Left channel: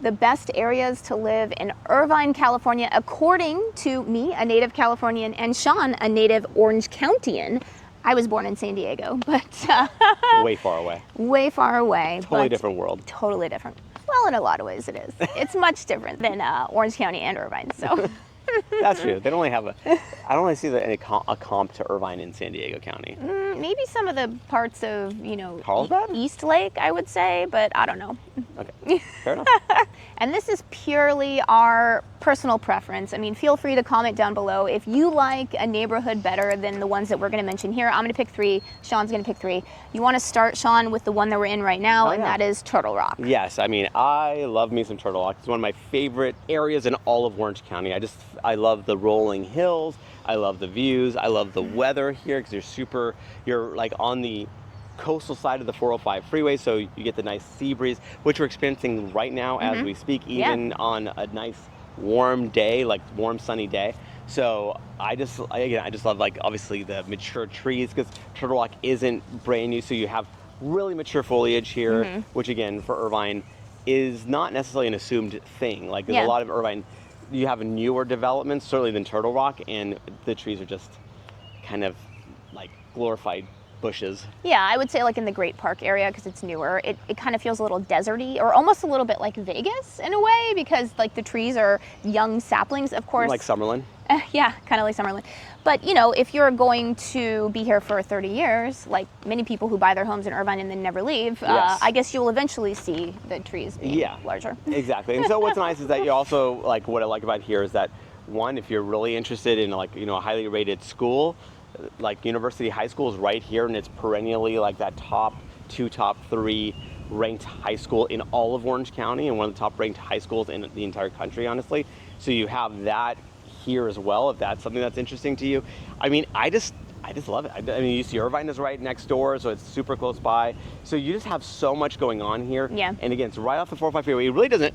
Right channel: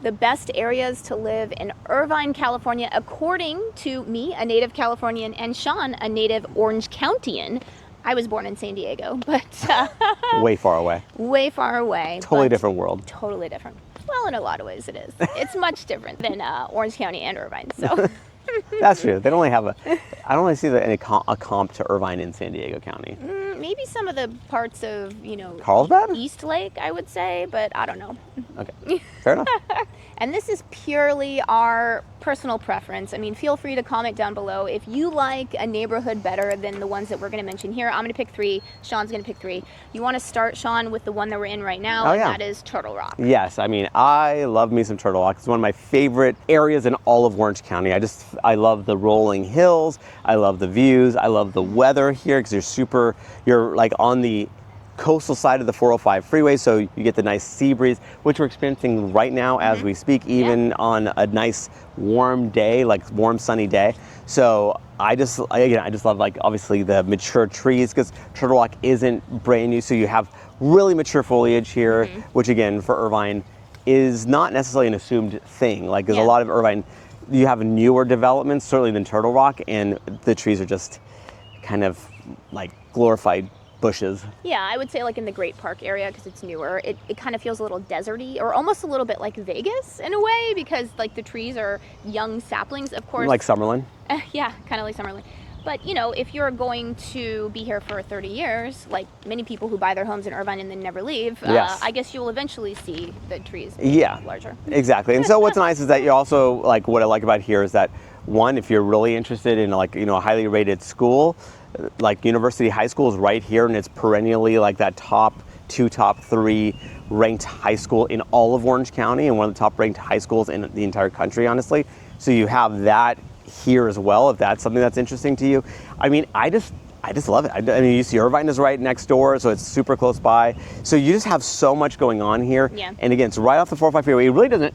the best areas to live in Irvine, California, according to me, a native Californian, and Sean, a native Orange Countian. I was born in San Diego, but way far away. Way far away. Totally different world. Totally different. Well, in a lot of ways it is. It's much different than Orange County and Irvine. So that's true. They don't really have I don't really see a comp to Irvine in San Diego County. Maybe some of the parts of, Carlsbad? East Lake, I would say, but I don't know. Okay, fair enough. And this is purely our personal preference. I mean, feel free to comment down below if you like a neighborhood better than the ones that we're going to mention here. I'm going to pick 3. Sean's going to pick 3. You want to start, Sean, with the one that we're in right now, and that is Turtle Rock. Yes, I mean, I love me some Turtle Rock. It's one of my favorite areas in all of Orange County. I love the rolling hills. I love the views. I love the weather here because you're like on the coastal side of the 405 freeway, so you get the nice sea breeze, which we're experiencing right now as we speak, even on a nice warm day, like warm sunny day. So I just love, like, obviously the mature trees, because Turtle Rock isn't brand new, so you have really mature foliage here, which again for Irvine is not necessarily an assumed thing. Like there's a lot of Irvine, you have newer developments certainly than Turtle Rock, and the trees are just kind of like glorified bushes. Yeah, I would say like in the Great Park area, because it's newer, it kind of feels a little deserty, or almost a little bit like Vegas in a way, because like the trees are young saplings, of course. Like Summerlin? Yeah, kind of like Summerlin. But if you're going to be here for 30 years, like many people who buy their homes in Irvine and then never leave, I guess you'll eventually see the trees larger. Exactly. And so what's nice is that you also, like, what I like about here is that, one, if you're really interested in like, a highly rated school, like University High School is right here, and it's perennially like that top 2, top 3 ranked high school in all of Orange County, and one of the top ranked high schools in the entire country, honestly. So you have that here as well, if that's something that's interesting to you. I mean, I just love it. I mean, you see Irvine is right next door, so it's super close by. So you just have so much going on here. Yeah. And again, it's right off the 405 freeway. It really doesn't,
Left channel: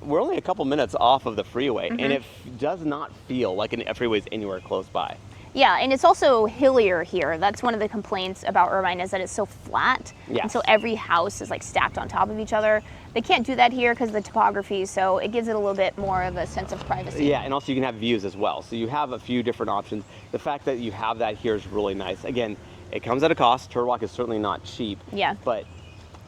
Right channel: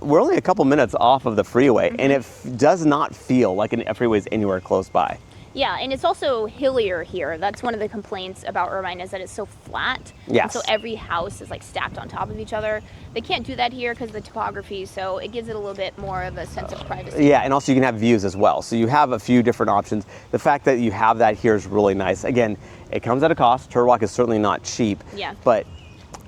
we're only a couple minutes off of the freeway, and it does not feel like a freeway is anywhere close by. Yeah, and it's also hillier here. That's one of the complaints about Irvine, is that it's so flat. Yes. And so every house is like stacked on top of each other. They can't do that here because of the topography, so it gives it a little bit more of a sense of privacy. Yeah, and also you can have views as well. So you have a few different options. The fact that you have that here is really nice. Again, it comes at a cost. Turtle Rock is certainly not cheap. Yeah. But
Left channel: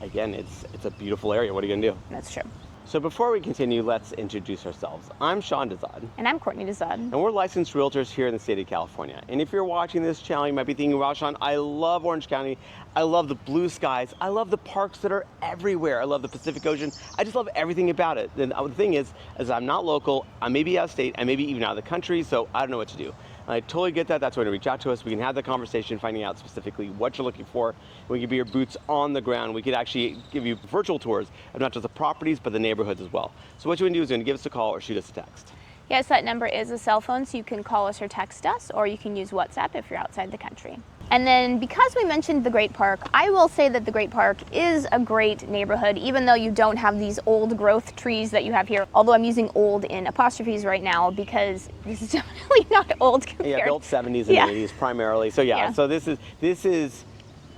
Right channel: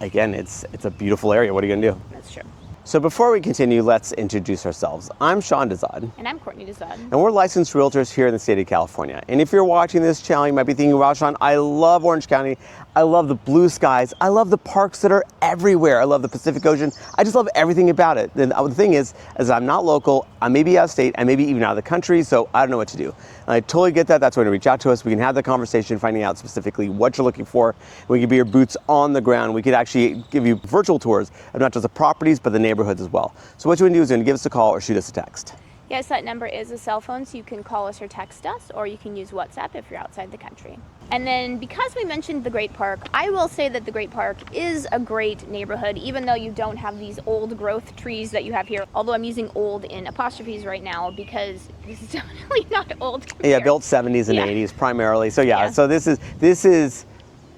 again, it's a beautiful area. What are you gonna do? That's true. So before we continue, let's introduce ourselves. I'm Sean Dezahd. And I'm Courtney Dezahd. And we're licensed realtors here in the state of California. And if you're watching this channel, you might be thinking, wow, Sean, I love Orange County. I love the blue skies. I love the parks that are everywhere. I love the Pacific Ocean. I just love everything about it. And the thing is I'm not local. I may be out of state. I may be even out of the country, so I don't know what to do. I totally get that. That's why you reach out to us. We can have the conversation, finding out specifically what you're looking for. We can be your boots on the ground. We could actually give you virtual tours of not just the properties, but the neighborhoods as well. So what you want to do is you want to give us a call or shoot us a text. Yes, that number is a cell phone, so you can call us or text us, or you can use WhatsApp if you're outside the country. And then because we mentioned the Great Park, I will say that the Great Park is a great neighborhood, even though you don't have these old growth trees that you have here. Although I'm using old in apostrophes right now because this is definitely not old compared. Yeah, built 70s and 80s primarily. So so this is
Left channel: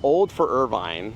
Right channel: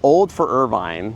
old for Irvine,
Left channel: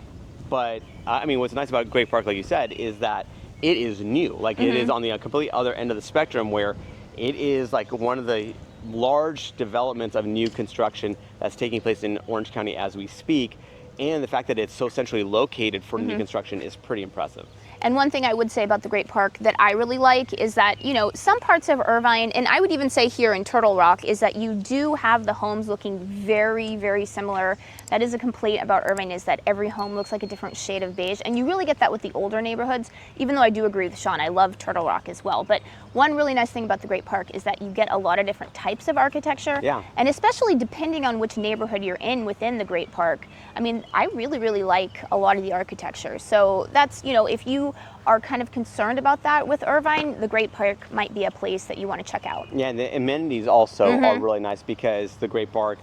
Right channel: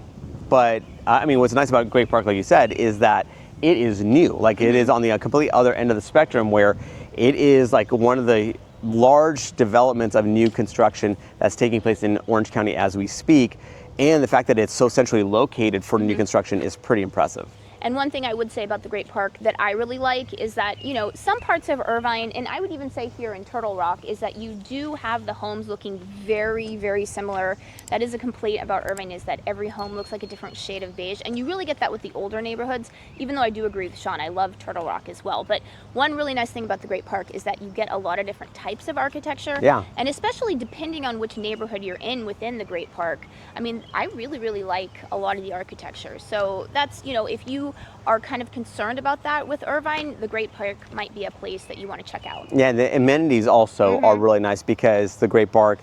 but I mean, what's nice about Great Park, like you said, is that it is new. Like it is on the complete other end of the spectrum, where it is like one of the large developments of new construction that's taking place in Orange County as we speak. And the fact that it's so centrally located for new construction is pretty impressive. And one thing I would say about the Great Park that I really like is that, some parts of Irvine, and I would even say here in Turtle Rock, is that you do have the homes looking very, very similar. That is a complaint about Irvine, is that every home looks like a different shade of beige. And you really get that with the older neighborhoods, even though I do agree with Sean, I love Turtle Rock as well. But one really nice thing about the Great Park is that you get a lot of different types of architecture. Yeah. And especially depending on which neighborhood you're in within the Great Park. I mean, I really, really like a lot of the architecture. So that's, if you are kind of concerned about that with Irvine, the Great Park might be a place that you want to check out. Yeah, and the amenities also are really nice, because the Great Park,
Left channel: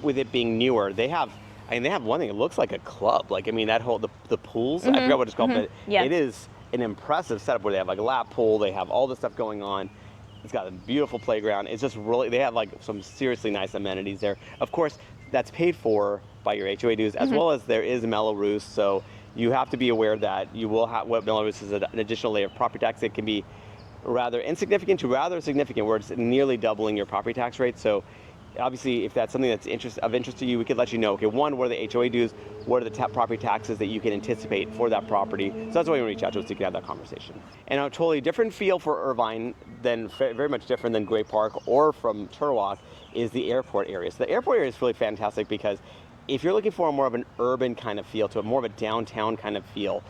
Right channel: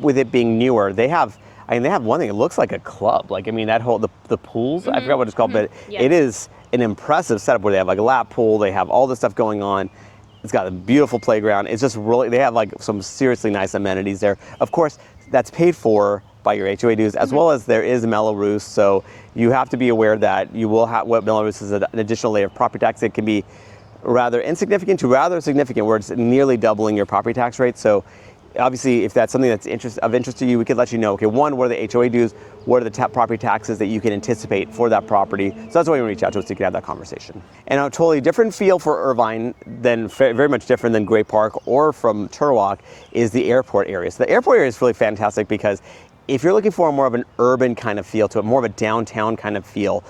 with it being newer, they have one thing. It looks like a club. Like, I mean, that whole the pools. I forgot what it's called, but it is an impressive setup where they have like a lap pool. They have all this stuff going on. It's got a beautiful playground. It's just really, they have like some seriously nice amenities there. Of course, that's paid for by your HOA dues, as well as there is Mello-Roos. So you have to be aware that you will have, what Mello-Roos is an additional layer of property tax. It can be rather insignificant to rather significant, where it's nearly doubling your property tax rate. So obviously, if that's something that's of interest to you, we could let you know, okay, one, what are the HOA dues? What are the property taxes that you can anticipate for that property? So that's why you reach out to us, so you can have that conversation. And a totally different feel for Irvine, than very much different than Great Park or from Turtle Rock, is the airport area. So the airport area is really fantastic because if you're looking for more of an urban kind of feel to it, more of a downtown kind of feel,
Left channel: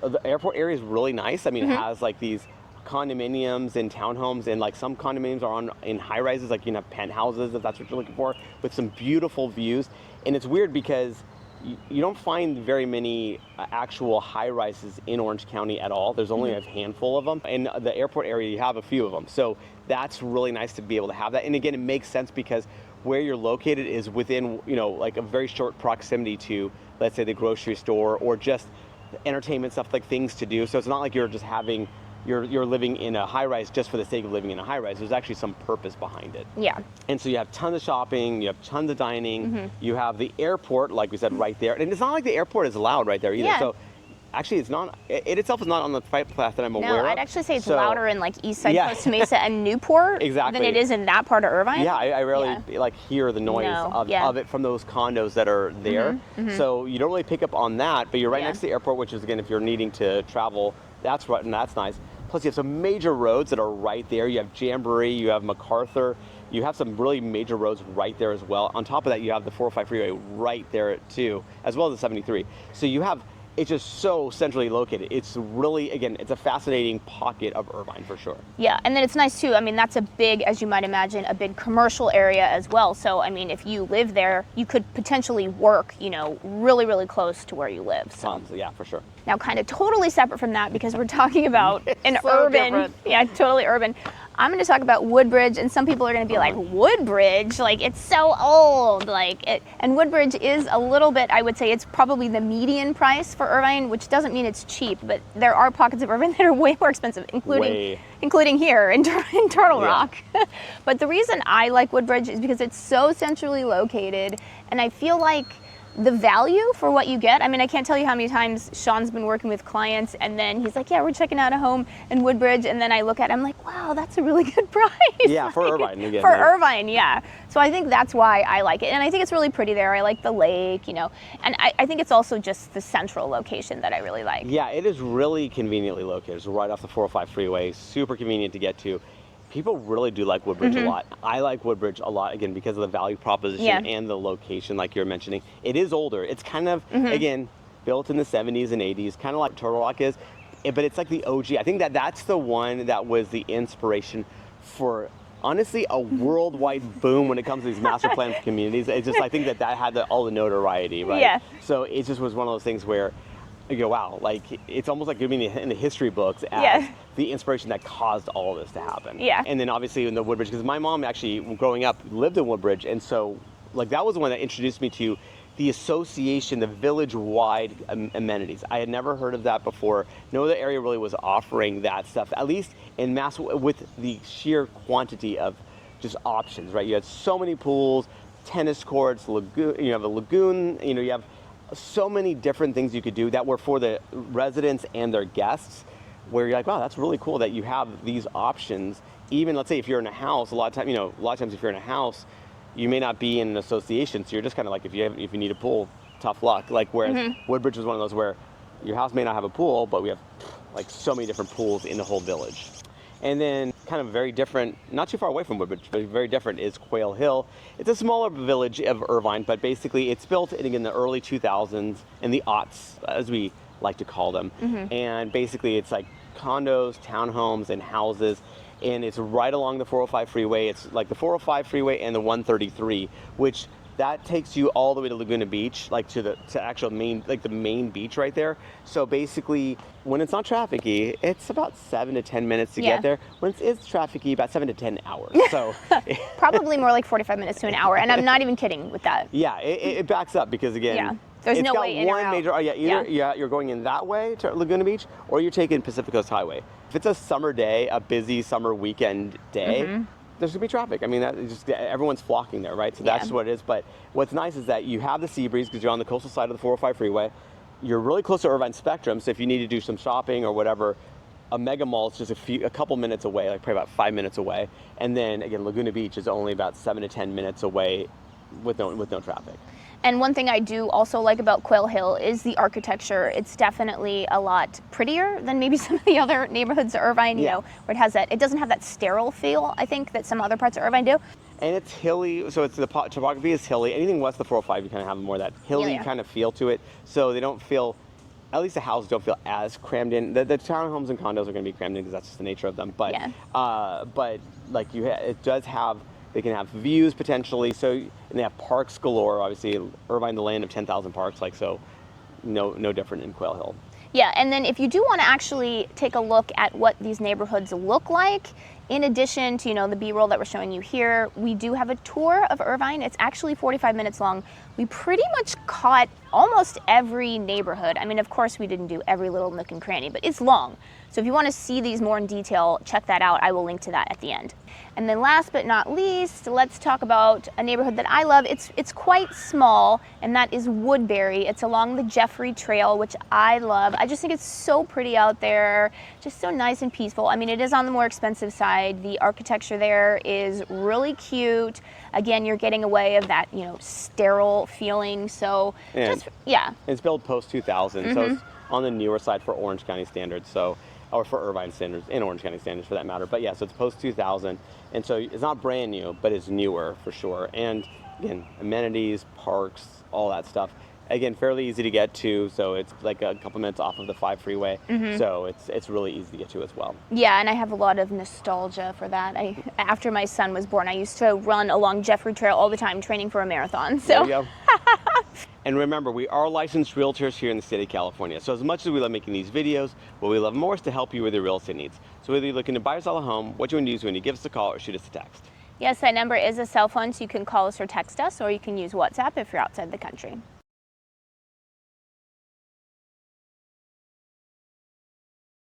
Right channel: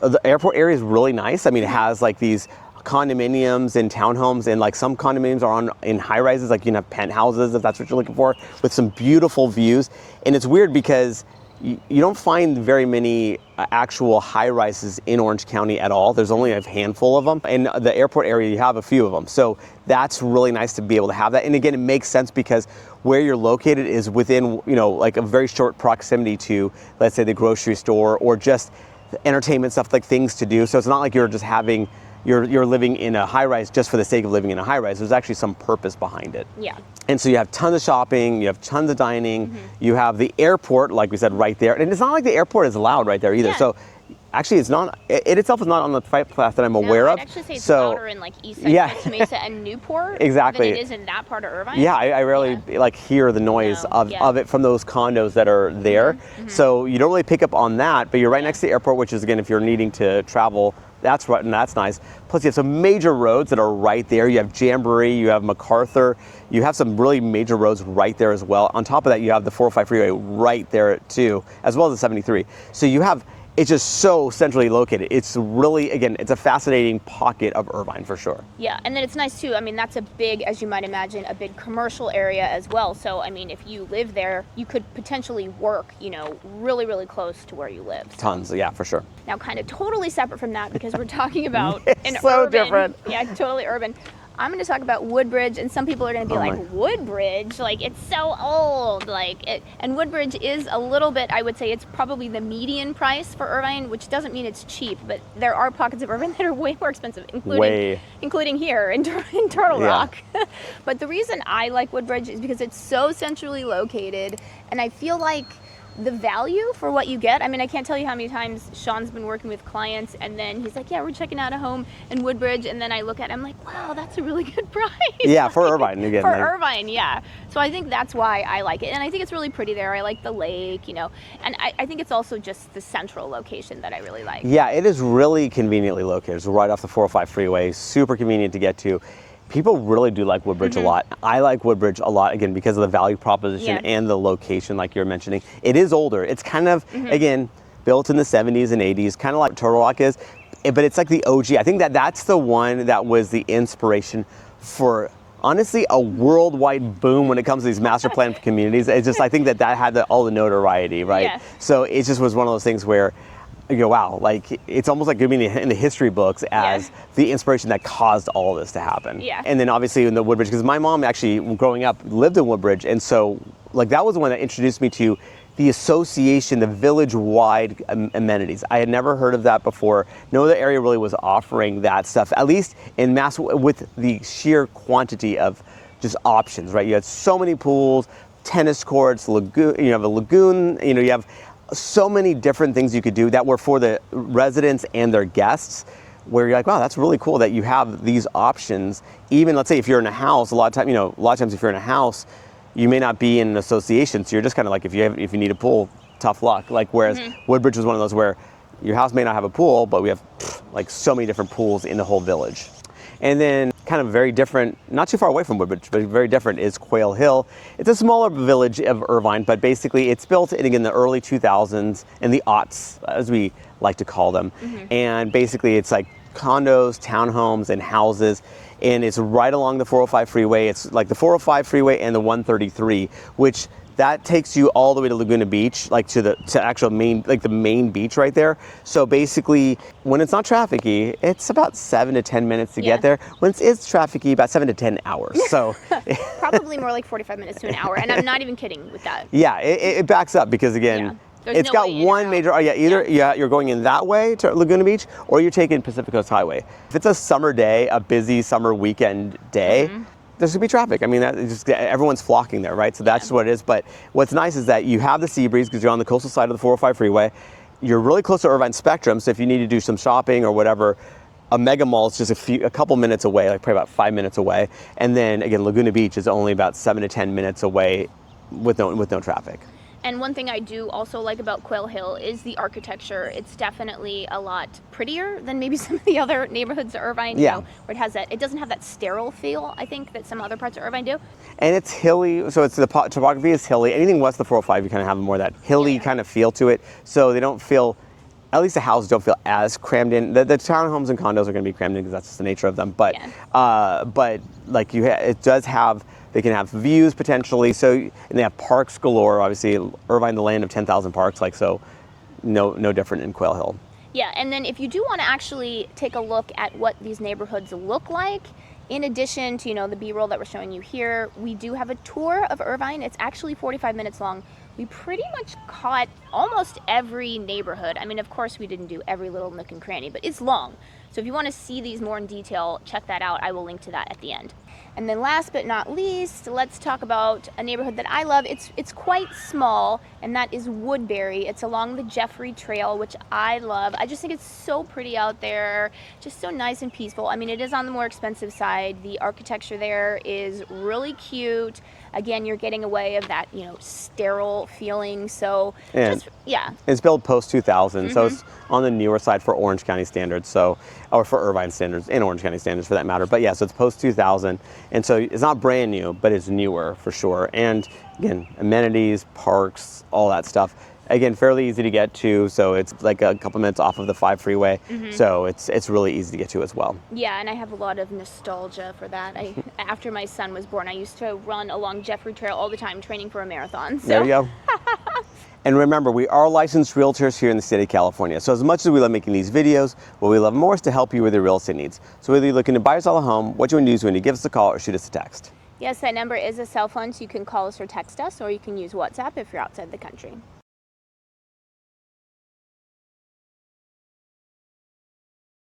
the airport area is really nice. I mean, it has like these condominiums and townhomes, and like some condominiums are in high rises, like you can have penthouses if that's what you're looking for, with some beautiful views. And it's weird because you don't find very many actual high rises in Orange County at all. There's only a handful of them. In the airport area, you have a few of them. So that's really nice to be able to have that. And again, it makes sense because where you're located is within, like a very short proximity to, let's say, the grocery store or just entertainment stuff, like things to do. So it's not like you're just having you're living in a high-rise just for the sake of living in a high-rise. There's actually some purpose behind it. Yeah. And so you have tons of shopping, you have tons of dining, you have the airport, like we said, right there. And it's not like the airport is loud right there either. Yeah. So actually, it itself is not on the flight path that I'm aware of. I'd actually say it's louder in like East Side, Costa Mesa, and Newport Exactly. than it is in that part of Irvine. Yeah, I rarely like hear the noise of it from those condos that are there. So you don't really pick up on that, but you're right next to the airport, which is, again, if you're needing to travel, that's right, and that's nice. Plus, you have some major roads that are right there. You have Jamboree, you have MacArthur, you have some really major roads right there as well. On top of that, you have the 405 freeway right there too, as well as the 73. So you have, it's just so centrally located. It's really, again, it's a fascinating pocket of Irvine for sure. Yeah, and then it's nice too. I mean, that's a big, as you might imagine, a big commercial area as well. So, I mean, if you live there, you could potentially work, really, really close to where you live. So. Tons, yeah, for sure. Now, kind of totally separate from that, because we're talking about an so urban, different. Yeah, totally urban. I'm going to talk about Woodbridge, and some people are going to be like, Woodbridge? Like, it's so old. And Woodbridge is a little bit, I would say, it's probably the median price for Irvine, which doesn't mean it's cheap, but there are pockets of Irvine that are way more expensive, including here in Turtle Rock. But the reason I like Woodbridge is because it's so centrally located, and I feel like the value for what you get. I mean, I can't tell you how many times Sean's been working with clients, and then he's like, yeah, we're checking out a home in Woodbridge, and then I look at it, I'm like, wow, that's a really good price. Yeah, for Irvine again. For Irvine, yeah. So I think that's why I like it, and I think it's really pretty there. I like the lake, and I think it's also just the central location that I really like. Yeah, it is really conveniently located. It's right off the 405 freeway, super convenient to get to. People really do like Woodbridge a lot. I like Woodbridge a lot, again, because of the value proposition and the location, like you're mentioning. It is older. It's kind of, again, built in the 70s and 80s, kind of like Turtle Rock is, but it's like the OG. I think that's the one that was the inspiration for, honestly, a worldwide boom when it comes to these master plan communities. It's just, I think that had all the notoriety, right? Yeah. So it just was one of those things where you go, wow, like it's almost like giving in the history books as the inspiration that caused all this to happen. Yeah. And then obviously in the Woodbridge, because my mom actually, growing up, lived in Woodbridge, and so like that was the one that introduced me to the association, the village-wide amenities. I had never heard of that before. No other area really was offering that stuff, at least in mass, with the sheer quantity of just options, right? You had so many pools, tennis courts, lagoon. You have a lagoon. You have so many different things you could do that were for the residents and their guests, where you're like, wow, that's really cool that you have these options. Even, let's say, if you're in a house, a lot of times if you're in a house, you may not be in an association, so you're just kind of like, if you need a pool, tough luck. Like, whereas Woodbridge was one of those where your house may not have a pool, but we have like so many different pools in the whole village. And then kind of very different, not too far away from Woodbridge, but very different, is Quail Hill. It's a smaller village of Irvine, but basically it's built in the early 2000s, in the aughts, as we like to call them. And basically it's like condos, townhomes, and houses. And it's right along the 405 freeway. It's like the 405 freeway and the 133, which that takes you all the way to Laguna Beach, like to actual main, like the main beach right there. So basically, when it's not trafficy, it's about 7 to 10 minutes to get there. When it's trafficy, about 7 to 10 hours. So probably more like 45 minutes to an hour, and I'm not even kidding with that. Yeah, it backs up because again, it's got one major. Either you're going in that way to Laguna Beach, or you're taking Pacific Coast Highway. If it's a summer day, a busy summer weekend day, there's gonna be traffic. I mean, everyone's flocking there, right? So that's what it is. But what's nice is that you have the sea breeze because you're on the coastal side of the 405 freeway. You're really close to Irvine Spectrum, so if you need to do some shopping or whatever, a mega mall is just a couple minutes away, like probably about 5 minutes away. And then again, Laguna Beach is only about 7 to 10 minutes away with no traffic. And one thing I do also like about Quail Hill is the architecture. It's definitely a lot prettier than maybe some of the other neighborhoods of Irvine, you know, where it doesn't have that sterile feel, I think, that some other parts of Irvine do. And it's hilly, so the topography is hilly. Anything west of the 405, you kind of have more of that hilly kind of feel to it. So they don't feel, at least the houses don't feel as crammed in. The townhomes and condos are going to be crammed in because that's just the nature of them. But like it does have. They can have views potentially, and they have parks galore. Obviously, Irvine, the land of 10,000 parks, like so, no different in Quail Hill. Yeah, and then if you do want to actually take a look at what these neighborhoods look like, in addition to the B-roll that we're showing you here, we do have a tour of Irvine. It's actually 45 minutes long. We pretty much caught almost every neighborhood. I mean, of course, we didn't do every little nook and cranny, but it's long. So if you want to see these more in detail, check that out. I will link to that at the end. And then last but not least, let's talk about a neighborhood that I love. It's quite small, and that is Woodbury. It's along the Jeffrey Trail, which I love. I just think it's so pretty out there, just so nice and peaceful. I mean, it is on the more expensive side. The architecture there is really cute. Again, you're getting away of that, sterile feeling. So it's built post 2000, so it's on the newer side for Orange County standards, or for Irvine standards and Orange County standards for that matter. But yeah, so it's post 2000, and so it's not brand new, but it's newer for sure. And again, amenities, parks, all that stuff. Again, fairly easy to get to, so it's like a couple minutes off of the 5 freeway, so it's really easy to get to as well. Yeah, and I have a lot of nostalgia for that. After my son was born, I used to run along Jeffrey Trail all the time, training for a marathon. So. There you go. And remember, we are licensed realtors here in the state of California. So as much as we love making these videos, what we love more is to help you with your real estate needs. So whether you're looking to buy or sell a home, what you want to do is when you give us a call or shoot us a text. Yes, that number is a cell phone, so you can call us or text us, or you can use WhatsApp if you're outside the country.